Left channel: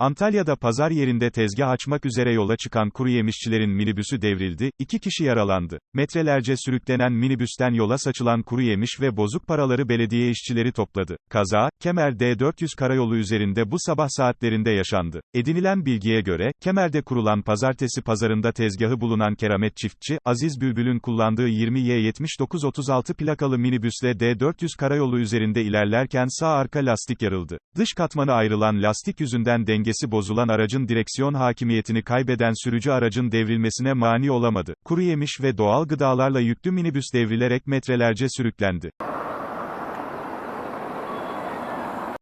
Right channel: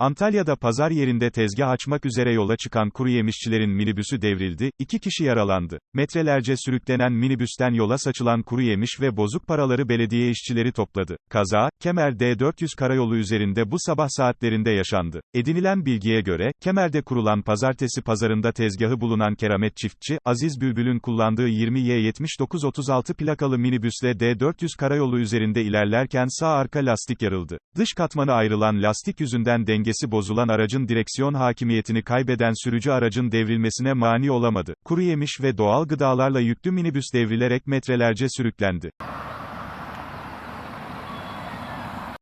Antalya'da pazar yerinde tezgah açmak üzere yola çıkan kuru yemişçilerin minibüsü devrildi, iki kişi yaralandı. Metrelerce sürüklenen minibüsten yola saçılan kuru yemiş ve bozuk paraları belediye işçileri topladı. Kaza, Kemer D400 karayolu üzerinde bu sabah saatlerinde yaşandı. Edinilen bilgiye göre, Kemer'de kurulan pazartesi pazarında tezgahı bulunan keramet çiftçi, Aziz Bülbül'ün kullandığı 20Y7936 plakalı minibüsle D400 karayolu üzerinde ilerlerken sağ arka lastik yarıldı. Dış katmanı ayrılan lastik yüzünden dengesi bozulan aracın direksiyon hakimiyetini kaybeden sürücü aracın devrilmesine mani olamadı. Kuru yemiş ve doğal gıdalarla yüklü minibüs devrilerek metrelerce sürüklendi.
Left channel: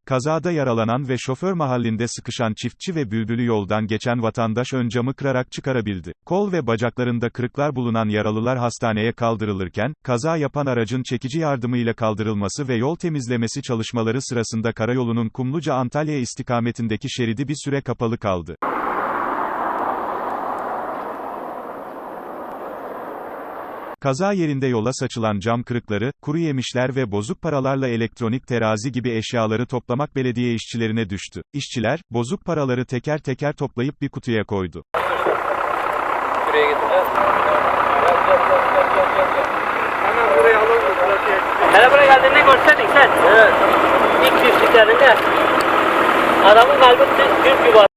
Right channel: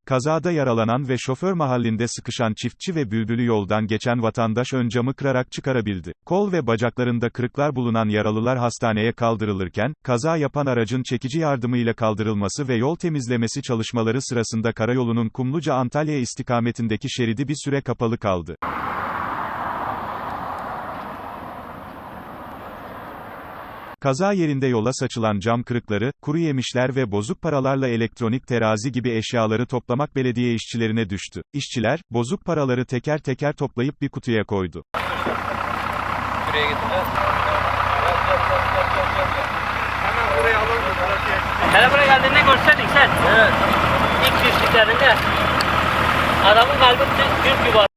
Kazada yaralanan ve şoför mahallinde sıkışan çiftçi ve bülbülü yoldan geçen vatandaş ön camı kırarak çıkarabildi. Kol ve bacaklarında kırıklar bulunan yaralılar hastaneye kaldırılırken, kaza yapan aracın çekici yardımıyla kaldırılması ve yol temizlemesi çalışmaları sırasında karayolunun Kumluca-Antalya istikametindeki şeridi bir süre kapalı kaldı. Kaza yerinde yola saçılan cam kırıkları, kuru yemişler ve bozuk paralarla elektronik terazi gibi eşyaları toplamak belediye işçilerine düştü. İşçiler, bozuk paraları teker teker toplayıp bir kutuya koydu. Şuraya getir. Hele buraya geldiğinde sen. Evet. İlk yüzlüklerinde. Adamın kalbi düz gibi